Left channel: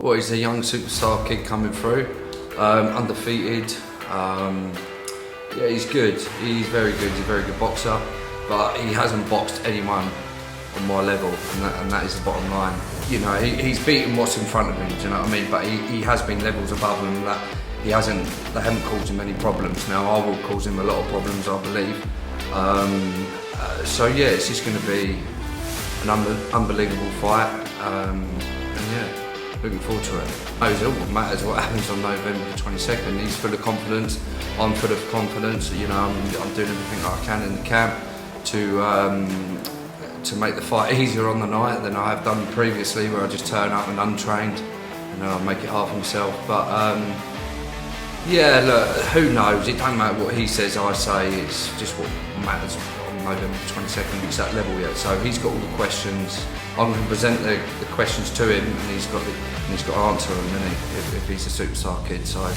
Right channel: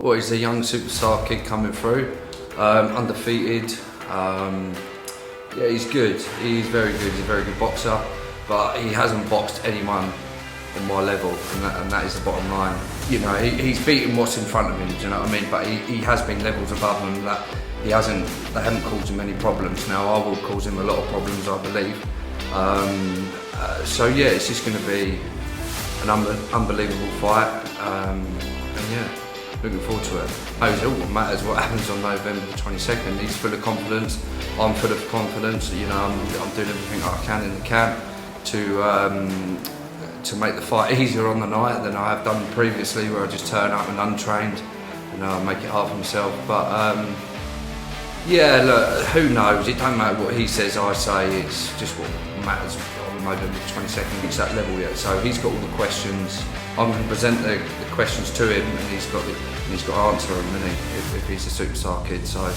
Well, he's a young superstar kid coming through, undefeated. Yeah, he's good. He's very good. He's a very good boxer, but he hasn't boxed anyone on my level, and that is the bottom line. You know, he's beaten what's in front of him. Do you know what I mean? But he has been levels above him. That they haven't caused him any problems. Now I will cause him a lot of problems, I believe. So yeah, it's just going to be an unbelievable fight, and yeah, looking forward to it. It all matters what happens on November the 22nd. He's full of confidence, I'm full of confidence. You know, I'm doing everything I can in the camp to make the fight easier on the night than I have done previously, where I just turn up and untrained and I'll make it hard for myself. But yeah, look, who knows? It don't matter what he says, I say. It's just what matters on November the 22nd. It's that level yet. So he's got all the questions. I'm going to present the questions to him, and he's got to answer them, isn't he? If he's a superstar kid. So.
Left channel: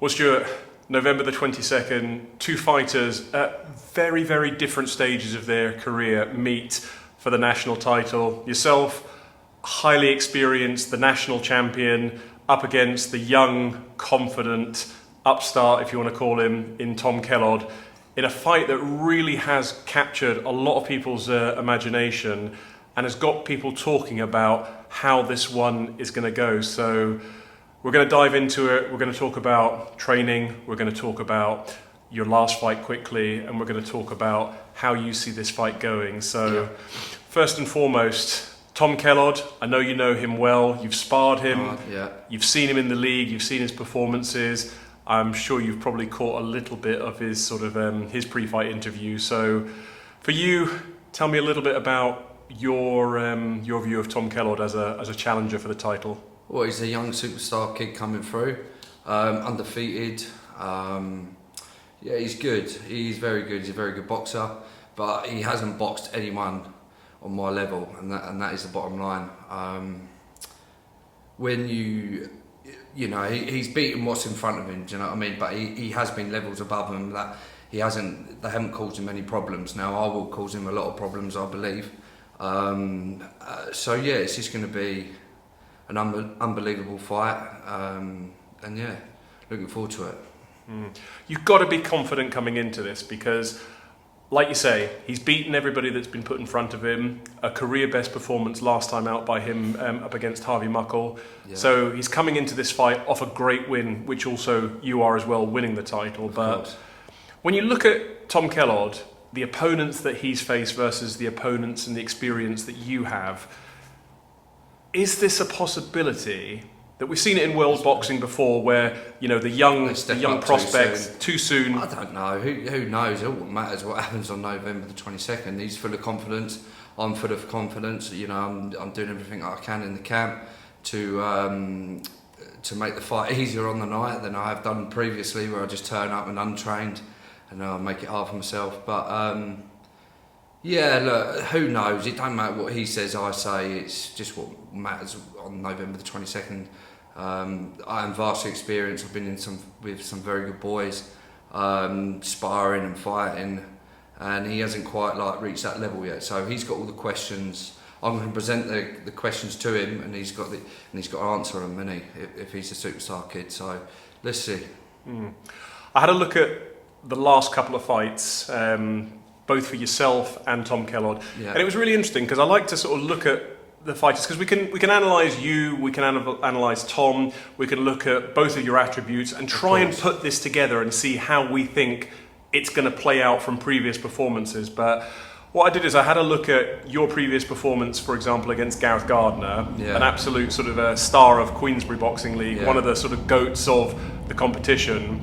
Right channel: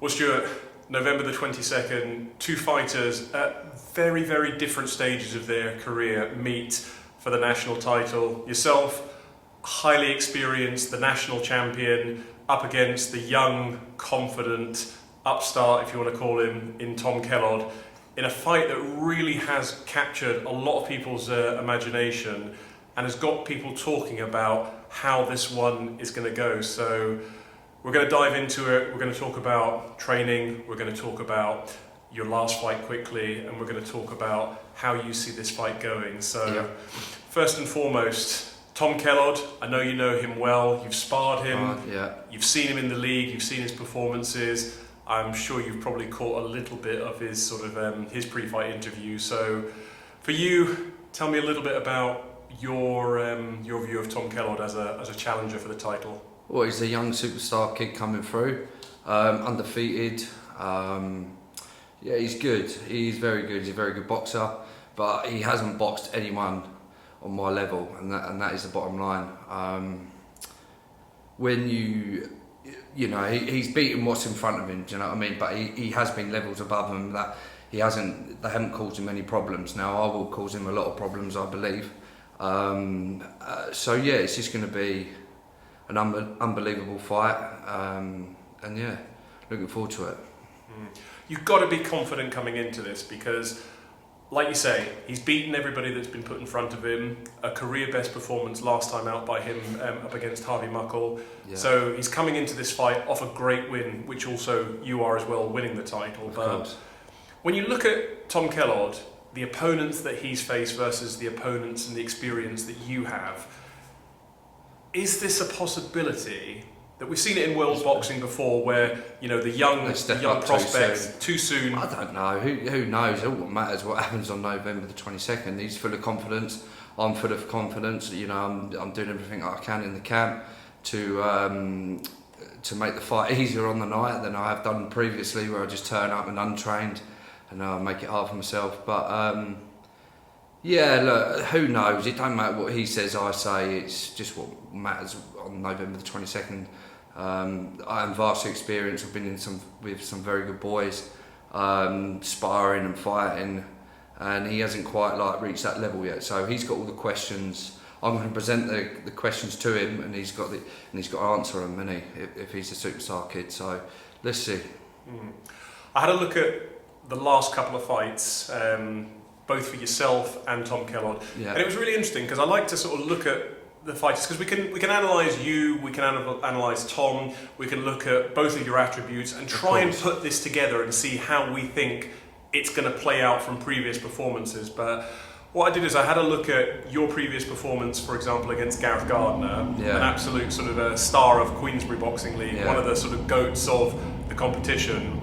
Well, Stuart, November the 22nd, two fighters at very, very different stages of their career meet for the national title. Yourself, highly experienced, the national champion, up against the young, confident upstart, if you want to call him, in Tom Kellond, in a fight that really has captured a lot of people's imagination and has got people talking about how this one is going to go. So we're going to dive into it. We're going to talk about training. We're going to talk about your last fight quickly, and we're going to talk about how you see this fight going. So Yep. First and foremost, Tom Kellond, I know you know him well. You've sparred him. Yeah. You've seen him in the league. You've seen his performances. I'm sure you've probably caught a little bit of his sort of his pre-fight interview. So for you, tell me a little bit about your view of Tom Kellond as a challenger for the title. Well, he's a young superstar kid coming through, undefeated. Yeah, he's good. He's very good. He's a very good boxer, but he hasn't boxed anyone on my level, and that is the bottom line. When you know, he's beaten what's in front of him. Do you know what I mean? But he has been levels above him. That they haven't caused him any problems. Now I will cause him a lot of problems, I believe. So yeah, it's just going to be an unbelievable fight, and yeah, looking forward to it. You've got to be confident coming into this because, like you say, he's beaten everybody that's been put in front of him. A career best performance last time out by him up against Harvey Muckle. Yeah. So he's coming into this fight off a great win, which also you are as well, winning the title. Of course. When you look at Tom Kellond, the opponents that he's faced versus the opponents and the experience that you have, is this a possibility that we've seen it in world boxing before, where you know the young prospects too soon? I don't know. Who knows? It all matters what happens on November the 22nd. He's full of confidence. I'm full of confidence. You know, I'm doing everything I can in the camp to make the fight easier on the night than I have done previously, where I just turn up and untrained and I'll make it hard for myself. But yeah, look, who knows? It don't matter what he says, I say. It's just what matters on November the 22nd. I am vastly experienced. I've been with some very good boys, sparring and fighting, and he hasn't quite reached that level yet. So he's got all the questions. I'm going to present the questions to him, and he's got to answer them, isn't he? If he's a superstar kid. So let's see. I had a look at the last couple of fights, both for yourself and Tom Kellond. Yeah. And it was really interesting because I like to sort of look at the fighters because we can analyse you, we can analyse Tom, we can look at both of your attributes and try and put this together and see how we think it's going to play out from previous performances. But what I did is I had a look at your previous performance, for example, against Gareth Gardner, an absolute sort of a star of Queensbury Boxing League, one of the sort of goats of the competition.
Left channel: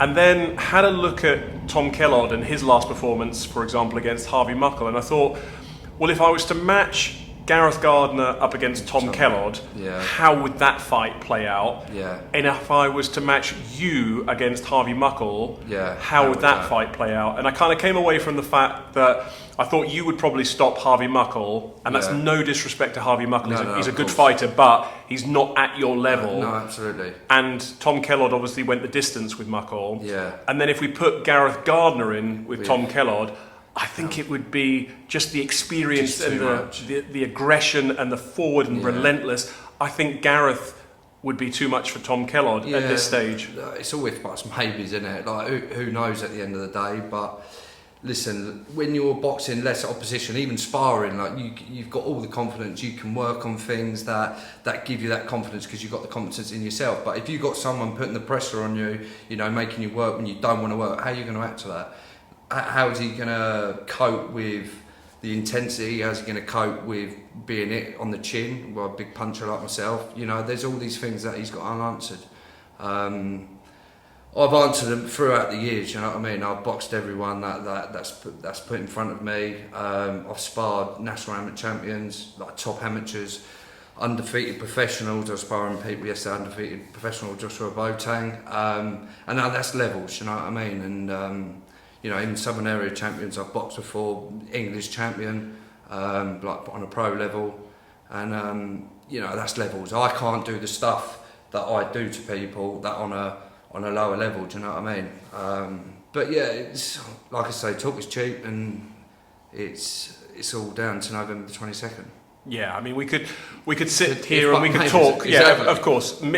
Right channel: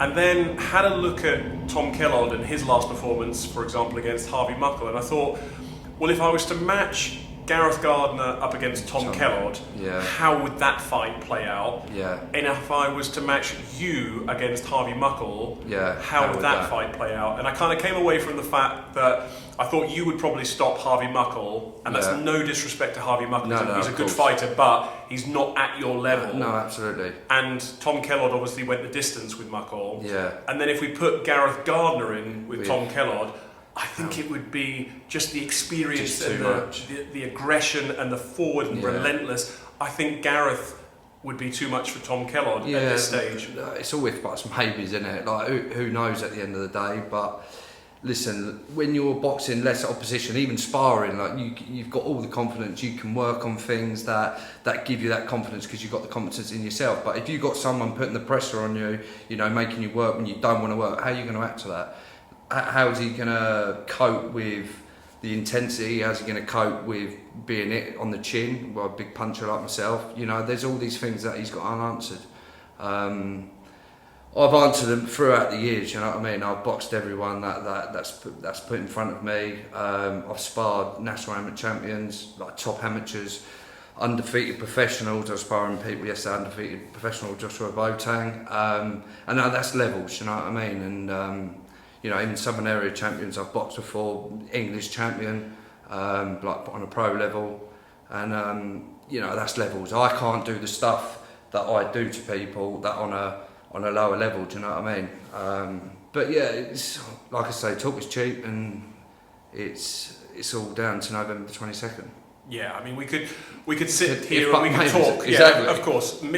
And then had a look at Tom Kellond and his last performance, for example, against Harvey Muckle, and I thought, well, if I was to match Gareth Gardner up against Tom Kellond, how would that fight play out? Yeah. And if I was to match you against Harvey Muckle, how would that fight play out? And I kind of came away from the fact that I thought you would probably stop Harvey Muckle, and that's no disrespect to Harvey Muckle. No, he's a good fighter, but he's not at your level. No, absolutely. And Tom Kellond obviously went the distance with Muckle. Yeah. And then if we put Gareth Gardner in with Tom Kellond, I think it would be just the experience, just too much. The aggression and the forward and relentless. I think Gareth would be too much for Tom Kellond at this stage. It's all if buts maybes, isn't it? Like who knows at the end of the day? But listen, when you're boxing less opposition, even sparring, like you've got all the confidence. You can work on things that give you that confidence because you've got the confidence in yourself. But if you've got someone putting the pressure on you, you know, making you work when you don't want to work, how are you going to act to that? How is he going to cope with the intensity? How's he going to cope with being hit on the chin? Well, a big puncher like myself, you know, there's all these things that he's got unanswered. I've answered them throughout the years, you know what I mean? I've boxed everyone that's put in front of me. I've sparred national amateur champions, like top amateurs, undefeated professionals. I was sparring people yesterday, undefeated professional Joshua Boateng. And now that's levels, you know what I mean? And you know, even Southern Area champions I've boxed before, English champion, like on a pro level, and you know, that's levels. I can't do the stuff that I do to people that on a lower level. Do you know what I mean? But yeah, it's like I say, talk is cheap, and it's all down to November the 22nd. Yeah, I mean, we could sit here and we could talk. Exactly. Yeah, of course. Who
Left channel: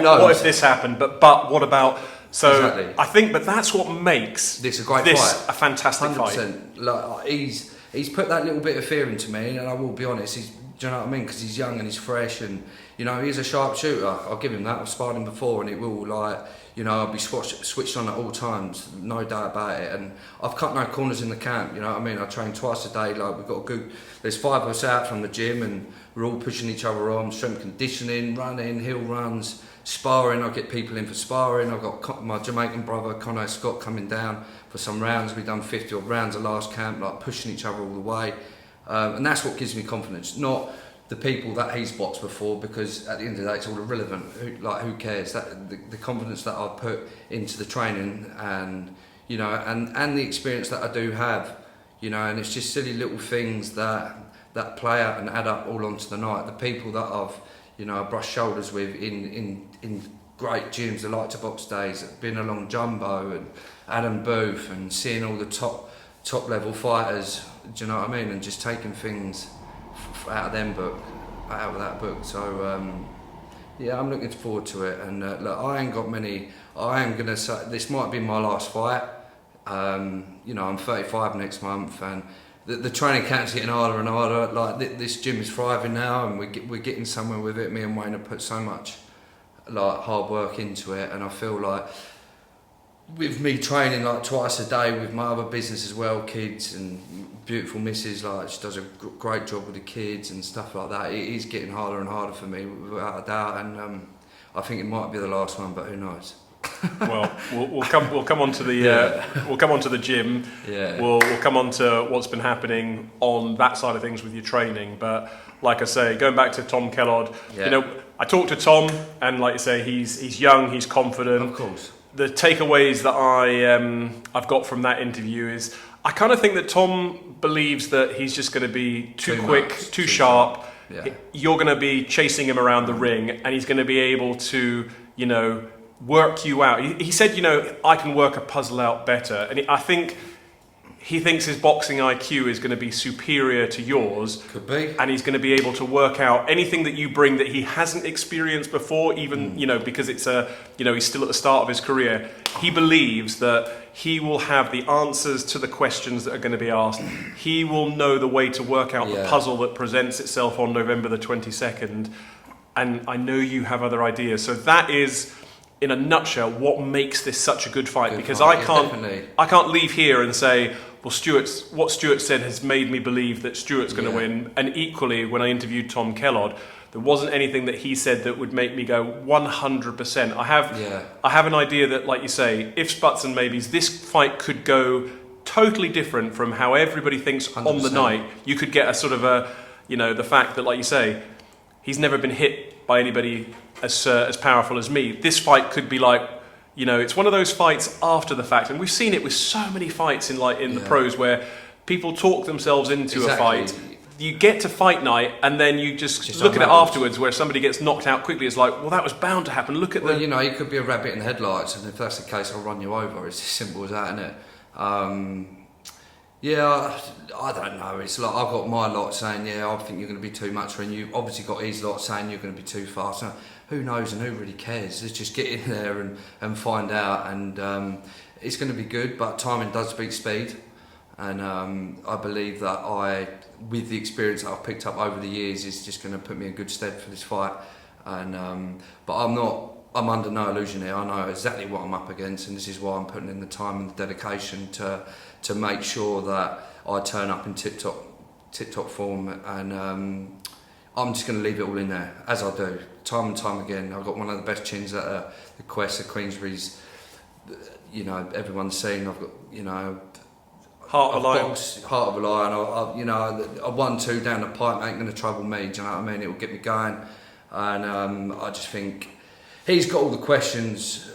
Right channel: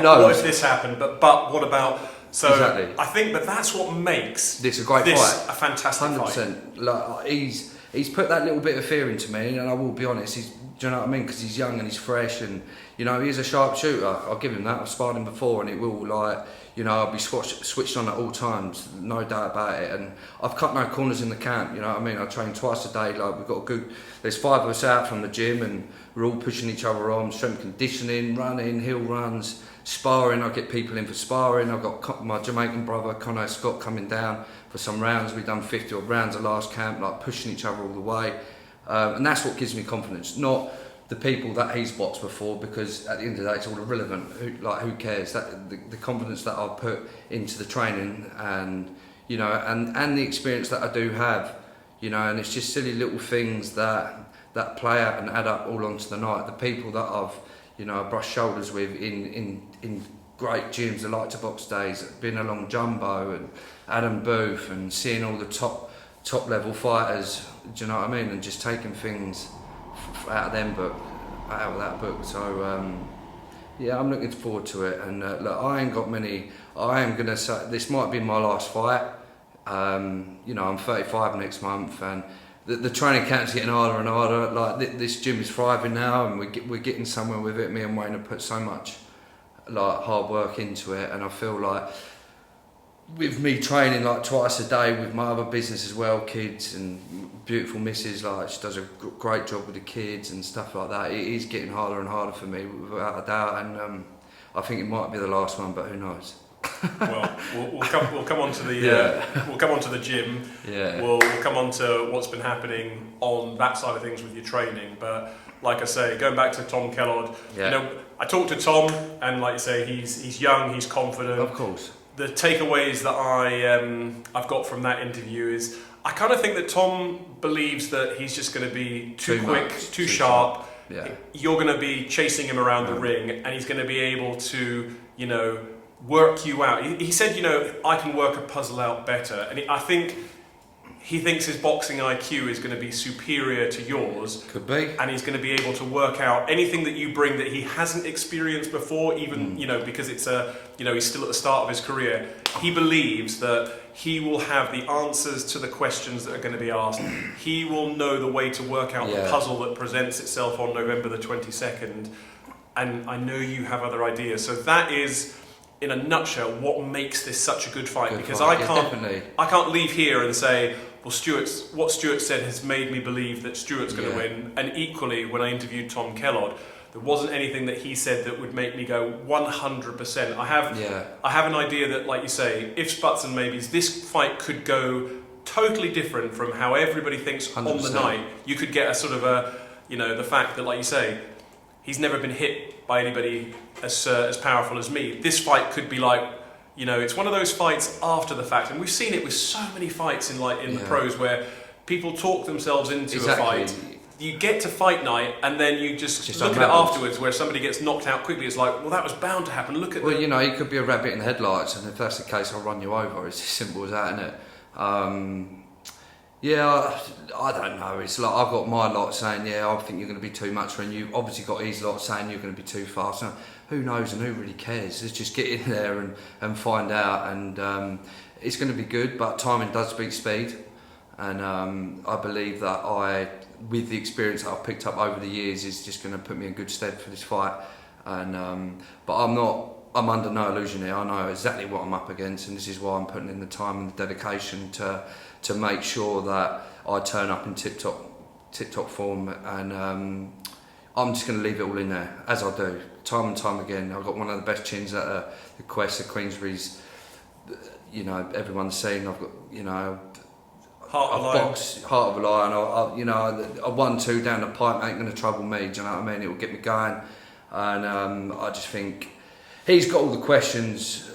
knows? What if this happened? But what about? So exactly. I think, but that's what makes this a great fight. A fantastic 100%. Like he's put that little bit of fear into me, and I will be honest. Do you know what I mean? Because he's young and he's fresh, and you know he's a sharp shooter. I'll give him that. I've sparred him before, and it will I'll be switched on at all times, no doubt about it. And I've cut no corners in the camp. You know what I mean? I train twice a day. Like we've got a good. There's 5 of us out from the gym, and we're all pushing each other on. Strength conditioning, running, hill runs, sparring. I get people in for sparring. I've got my Jamaican brother Conor Scott coming down for some rounds. We've done 50 odd rounds the last camp, like pushing each other all the way. And that's what gives me confidence, not the people that he's boxed before, because at the end of the day it's all irrelevant. Who cares? That the confidence that I've put into the training, and you know, and the experience that I do have, you know, and it's just silly little things that play out and add up all onto the night. The people that I've brushed shoulders with in great gyms, the Light to Box days, been along Jumbo and Adam Booth, and seeing all the top level fighters, do you know what I mean? And just taking things out of that book. So yeah, I'm looking forward to it. And look, I am gonna say this might be my last fight. You know, I'm 35 next month, and the training camp's getting harder and harder. Like this gym is thriving now, and we're getting somewhere with it. Me and Wayne have put so much like hard work into it, and I feel like with me training like twice a day with my other business as well, kids and beautiful missus, like she does a great job with the kids and stuff like that. It is getting harder and harder for me, without a doubt, and I think it might be the last one, but who knows? Well, we'll come on to the we'll come on to the gym. Yeah. We'll come on to what's been happening on that side of things with your training. But like I say, going back to Tom Kellond, you know, I talked to Tom, and like I say, he's young, he's confident. Of course. The takeaways that I've got from that interview is I kind of think that Tom believes that he's just going to be too quick, too sharp. Yeah. You're going to be chasing him around the ring, and he's going to be able to, you know, work you out. He said, you know, I can work a puzzle out better, and I think he thinks his boxing IQ is going to be superior to yours. Could be. And he's going to be able to work out anything that you bring that he hasn't experienced before, even, you know, because it's you know, he's still at the start of his career. He believes that he will have the answers to the questions that are going to be asked. He will know the way to work out the puzzle that presents itself on November the 22nd. And I know you have other ideas. So that is, in a nutshell, what makes this such a good fight. Because I can't leave here and say, well, what Stuart said has made me believe that Stuart's going to win. And equally, when I interviewed Tom Kellond, there wasn't anything that he said that would make me go 100%. I have an idea that, like you say, if Sputs and Maybes, this fight could go totally different from how everybody thinks 100%. On the night. You could get a sort of a, you know, the fact that, like you say, he's never been hit by anybody as powerful as me. This fight could be like, you know, it's one of those fights after the fact, and we've seen it with so many fights in the pros where people talk themselves into a fight. You get to fight night, and then you just look at it afterwards, where somebody gets knocked out quickly. It's like, well, that was bound to happen. Look at. Well, you know, you could be a rabbit in the headlights, and if that's the case, I'll run you over. It's as simple as that, isn't it? Yeah, I don't know. It's like I've got my lot saying, yeah, I think you're going to be too much, and you obviously got his lot saying you're going to be too fast. Now, who knows and who really cares? Let's just get in there and find out. And it's going to be good, but timing does beat speed. And I believe that with the experience that I've picked up over the years, is just going to put me in good stead for this fight. And but I'm under no illusion here. I know exactly what I'm up against, and this is why I'm putting in the time and the dedication to make sure that I turn up in tip-top form, and I'm just going to leave it all in there, as I do, time and time again. I've got one of the best chins at the Quest, at Queensbury's, everyone's seen. I've got, I've boxed Heart of a Lion. A 1-2 down the pipe ain't going to trouble me, do you know what I mean? It will get me going, and I just think he's got all the questions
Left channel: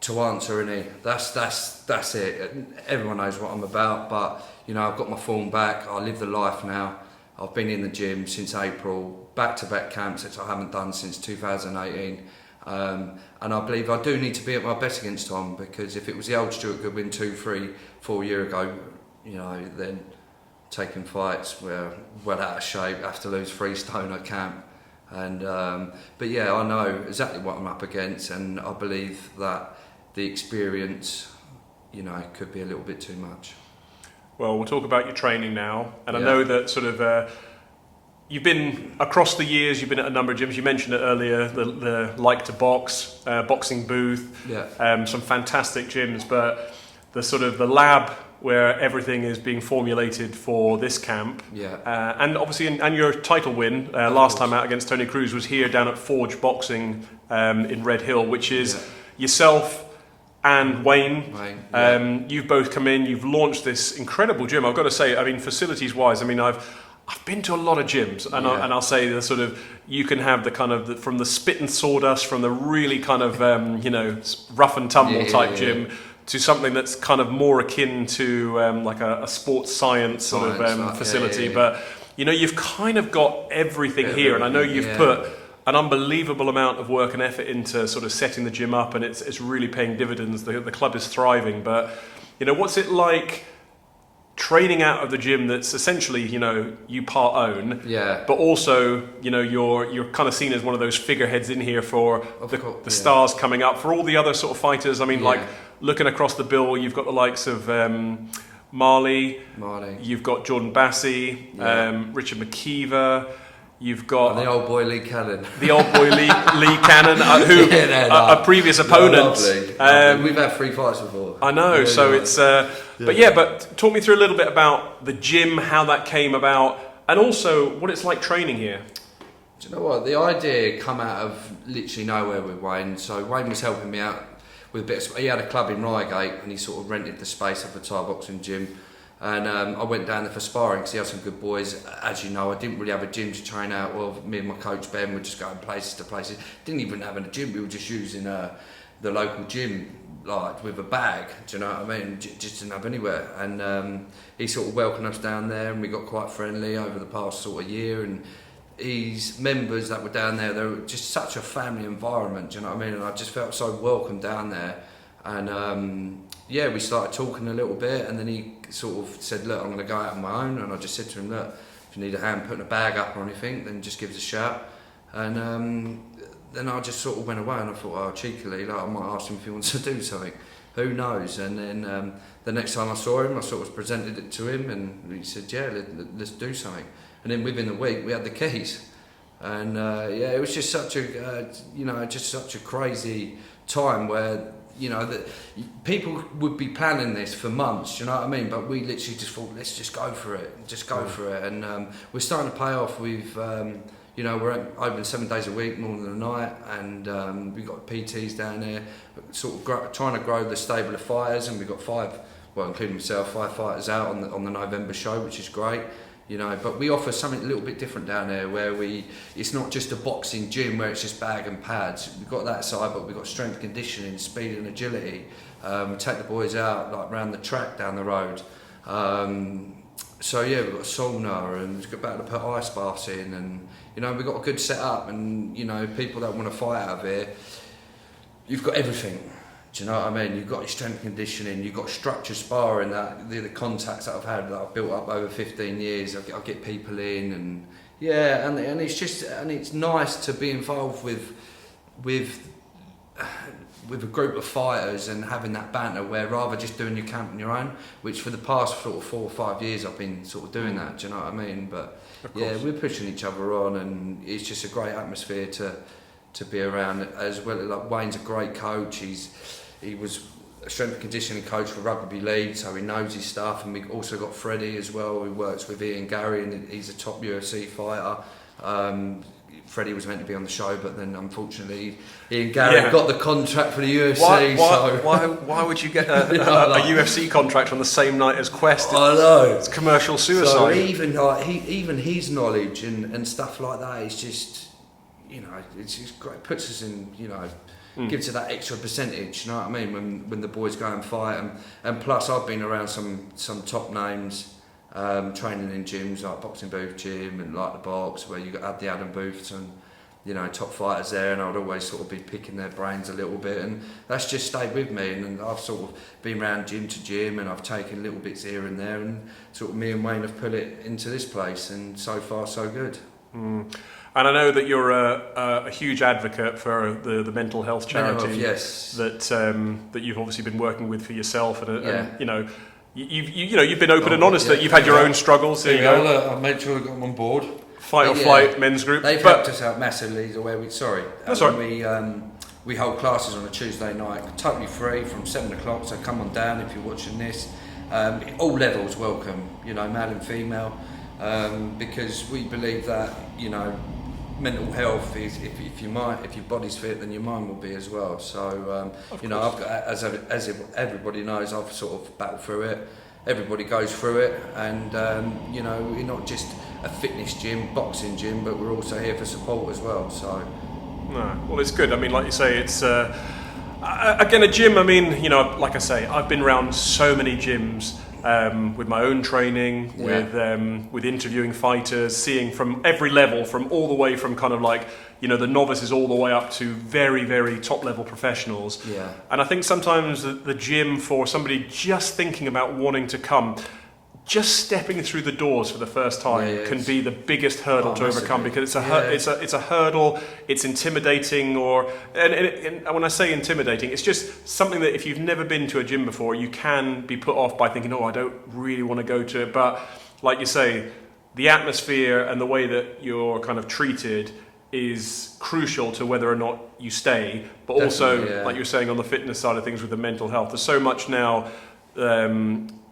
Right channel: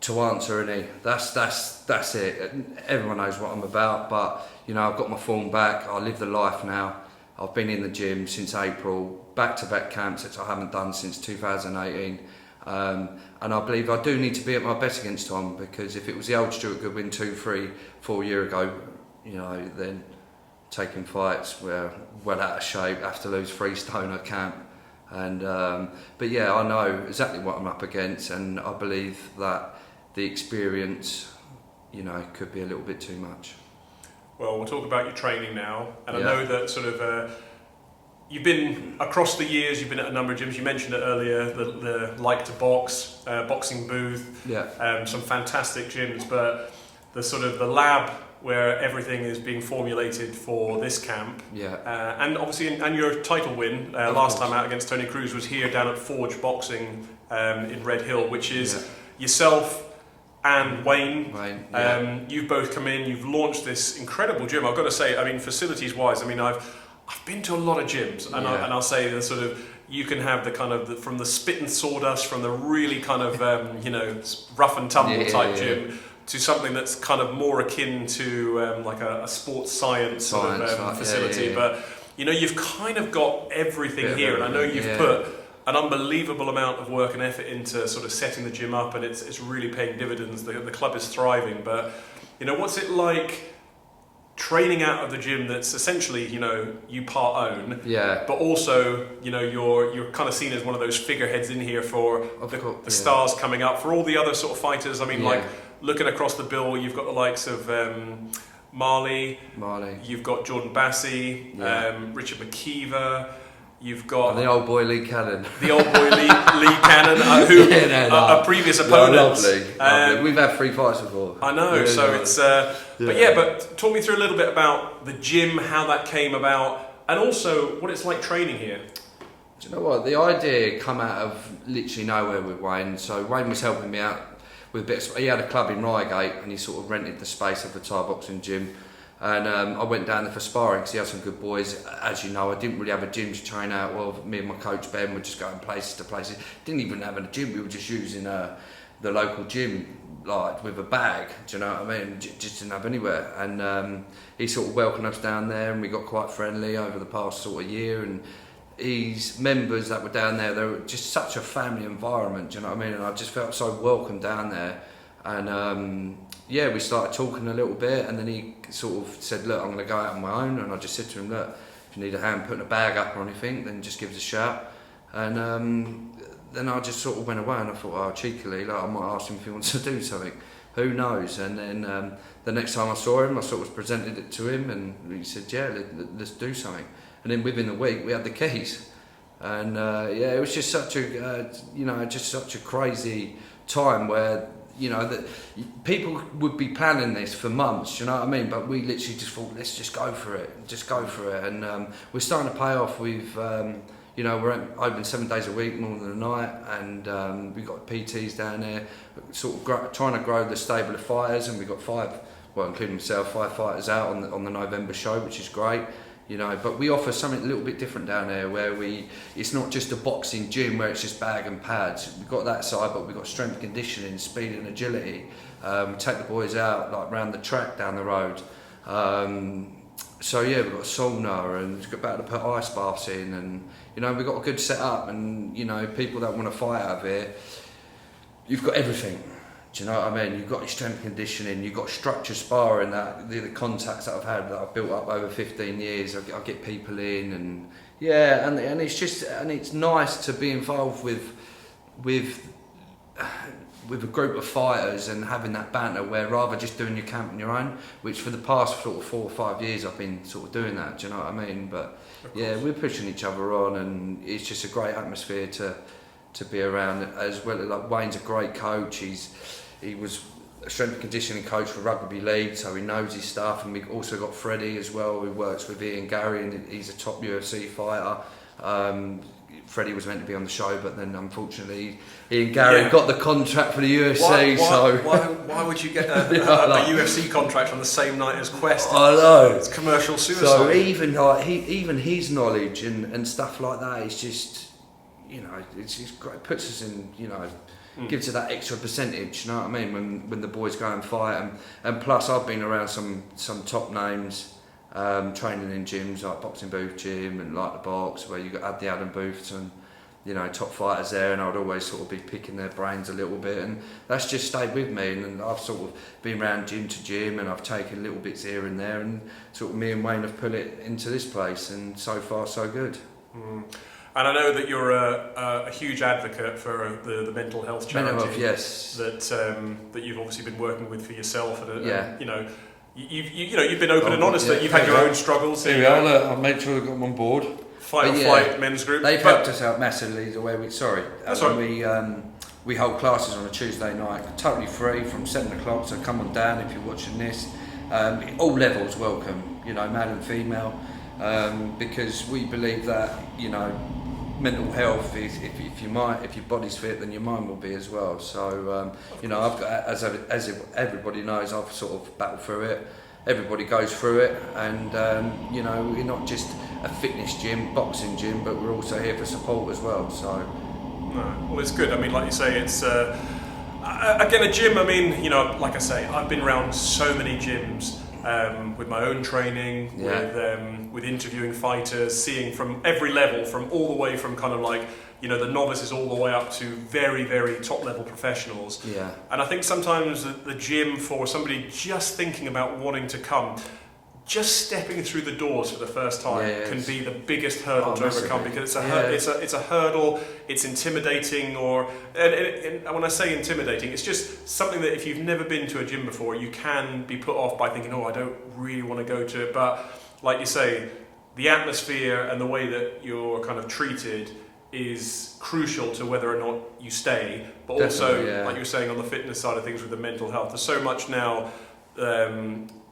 to answer, and that's it. Everyone knows what I'm about, but I've got my form back. I live the life now. I've been in the gym since April, back-to-back camps, which I haven't done since 2018, and I believe I do need to be at my best against Tom, because if it was the old Stuart Goodwin 2, 3, 4 years ago, then taking fights were well out of shape, have to lose 3 stone at camp. And but yeah, I know exactly what I'm up against, and I believe that the experience, could be a little bit too much. Well, we'll talk about your training now, and Yeah. I know that sort of you've been across the years. You've been at a number of gyms. You mentioned it earlier, the Like to Box, boxing booth. Yeah. Some fantastic gyms, but the lab where everything is being formulated for this camp. Yeah. And obviously, and your title win last time out against Tony Cruz was here down at Forge Boxing in Red Hill, which is yourself and Wayne. Yeah. You've both come in, you've launched this incredible gym. I've got to say, facilities-wise, I've been to a lot of gyms, and I'll say you can have the kind of from the spit and sawdust, from the really kind of rough and tumble type gym, to something that's kind of more akin to like a sports science facility. But you've kind of got everything here, and I know you've put an unbelievable amount of work and effort into sort of setting the gym up, and it's really paying dividends. The club is thriving, but what's it like training out of the gym that's essentially you part own, but also you're kind of seen as one of those figureheads in here for the stars coming up, for all the other sort of fighters. Like looking across the bill, you've got the likes of Marley, you've got Jordan Bassey, Richard McKeever. You've got the old boy Lee Cannon. The old boy Lee Cannon, a previous opponent. Lovely. We've had 3 fights before. I know, it's... But talk me through a little bit about the gym, how that came about, and also what it's like training here. Do you know what? The idea come out of literally nowhere with Wayne. So Wayne was helping me out with a bit of... He had a club in Reigate, and he sort of rented the space of the Thai boxing gym. And I went down there for sparring because he had some good boys. As you know, I didn't really have a gym to train out of. Me and my coach Ben were just going places to places. Didn't even have a gym. We were just using the local gym, like with a bag. Do you know what I mean? Just didn't have anywhere. And he sort of welcomed us down there, and we got quite friendly over the past sort of year. And his members that were down there, they were just such a family environment. Do you know what I mean? And I just felt so welcome down there. And we started talking a little bit, and then he sort of said, look, I'm going to go out on my own. And I just said to him, look, if you need a hand putting a bag up or anything, then just give us a shout. And then I just sort of went away, and I thought, cheekily, I might ask him if he wants to do something. Who knows? And then the next time I saw him, I sort of presented it to him, and he said, let's do something. And then within the week, we had the keys. And it was just such a crazy time where that people would be planning this for months, you know what I mean? But we literally just thought, let's just go for it. And we're starting to pay off. We're open 7 days a week, more than a night, and we've got PTs down there, sort of trying to grow the stable of fighters, and we've got 5, including myself, 5 fighters out on the November show, which is great. But we offer something a little bit different down there, where it's not just a boxing gym where it's just bag and pads. We've got that side, but we've got strength conditioning, speed and agility. We take the boys out like round the track down the road. We've got sauna, and we've got about to put ice baths in, and we've got a good setup, and people that want to fight out of here, you've got everything. Do you know what I mean? You've got your strength conditioning, you've got structured sparring, that the contacts that I've had that I've built up over 15 years. I get people in, and yeah, and it's just, and it's nice to be involved with a group of fighters and having that banter, where rather just doing your camp on your own, which for the past sort of 4 or 5 years I've been sort of doing that. Do you know what I mean? But yeah, we're pushing each other on, and it's just a great atmosphere to be around. As well, like Wayne's a great coach. He was a strength and conditioning coach for rugby league, so he knows his stuff. And we also got Freddie as well, who works with Ian Gary, and he's a top UFC fighter. Freddie was meant to be on the show, but then unfortunately Ian Gary got the contract for the UFC. Why would you get a UFC contract on the same night as Quest? I know. It's commercial suicide. So even his knowledge and stuff like that is just, you know, it's great. It puts us in, you know, gives it that extra percentage. You know what I mean? When the boys go and fight, and plus I've been around some top names. Training in gyms like Boxing Booth Gym and like the Box, where you had the Adam Booths and, you know, top fighters there, and I'd always sort of be picking their brains a little bit, and that's just stayed with me. And I've sort of been around gym to gym, and I've taken little bits here and there, and sort of me and Wayne have put it into this place, and so far so good. And I know that you're a huge advocate for the mental health charity. Mental health, yes. That you've obviously been working with for yourself, and you know. You've been open and honest that you've had your own struggles. Here we are. I'll make sure I got them on board. Fight men's group. They've helped us out massively. The way we hold classes on a Tuesday night, totally free from 7 o'clock. So come on down if you're watching this. All levels welcome. You know, male and female, because we believe that, you know, mental health is, if your body's fit, then your mind will be as well. So you know, I've got, as everybody knows, I've sort of battled through it. Everybody goes through it, and you know, we're not just a fitness gym, boxing gym, but we're also here for support as well. So well, it's good. I mean, like you say, it's again a gym. I mean, you know, like I say, I've been around so many gyms. With my own training, with interviewing fighters, seeing from every level, from all the way from kind of like, you know, the novices all the way up to very, very top level professionals. Yeah. And I think sometimes the gym, for somebody just thinking about wanting to come, just stepping through the doors for the first time can be the biggest hurdle to overcome, because it's a hurdle, it's intimidating, and when I say intimidating, it's just something that if you've never been to a gym before, you can be put off by thinking, I don't really want to go to it. But like you say, the atmosphere and the way that you're kind of treated is crucial to whether or not you stay, but definitely, also like you're saying, on the fitness side of things with the mental health, there's so much now.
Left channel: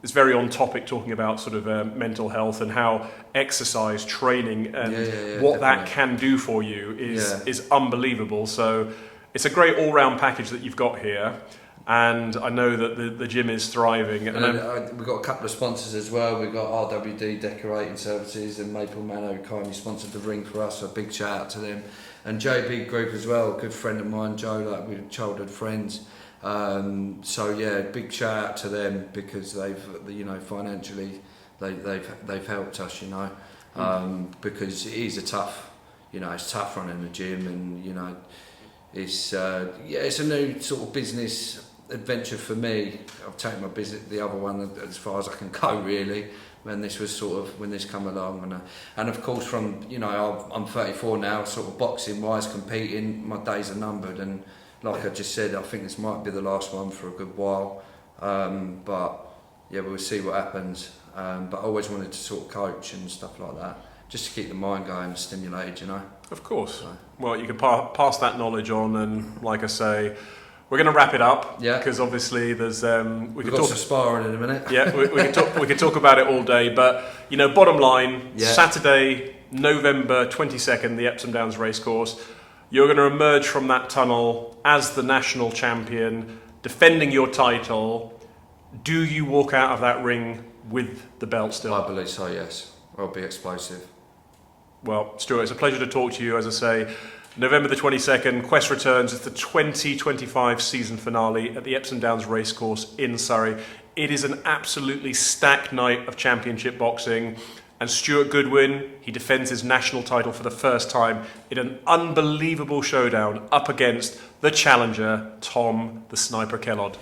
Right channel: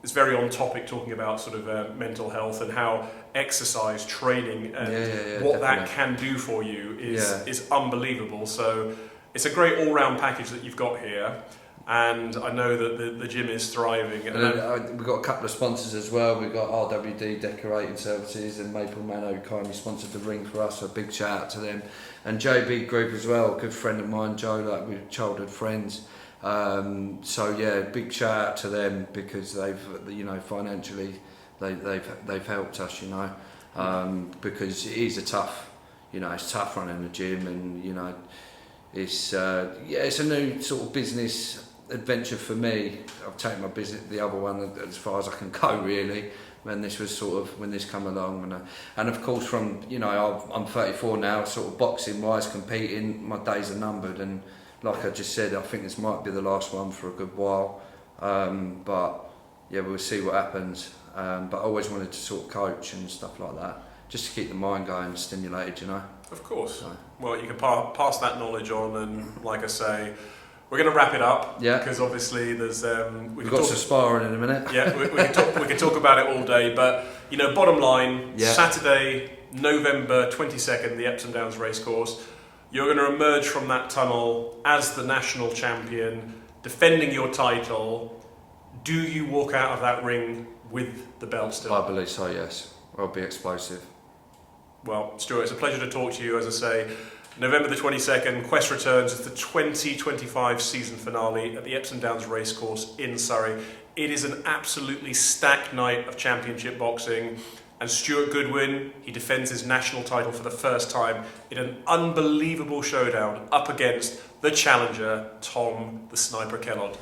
It's very on topic, talking about sort of mental health and how exercise training and what that can do for you is unbelievable. So it's a great all-round package that you've got here, and I know that the gym is thriving. And we've got a couple of sponsors as well. We've got RWD Decorating Services and Maple Manor, who kindly sponsored the ring for us, so a big shout out to them. And JB Group as well, a good friend of mine, Joe, like we're childhood friends. So yeah, big shout out to them, because they've, you know, financially they've helped us, you know, because it is a tough, you know, it's tough running a gym, and you know, it's a new sort of business adventure for me. I've taken my business, the other one, as far as I can go really, when this come along, and of course, from, you know, I'm 34 now, sort of boxing wise, competing, my days are numbered, and like I just said, I think this might be the last one for a good while, but yeah, we'll see what happens. But I always wanted to sort of coach and stuff like that, just to keep the mind going, stimulated, you know. Of course. So. Well, you can pass that knowledge on, and like I say, we're going to wrap it up. Yeah. Because obviously there's we've got some sparring in a minute. Yeah, we can talk about it all day, but you know, bottom line, Saturday, November 22nd, the Epsom Downs Racecourse. You're going to emerge from that tunnel as the national champion, defending your title. Do you walk out of that ring with the belt still? I believe so, yes. I'll be explosive. Well, Stuart, it's a pleasure to talk to you. As I say, November the 22nd, Quest returns as the 2025 season finale at the Epsom Downs Racecourse in Surrey. It is an absolutely stacked night of championship boxing. And Stuart Goodwin, he defends his national title for the first time in an unbelievable showdown up against the challenger, Tom The Sniper Kellond.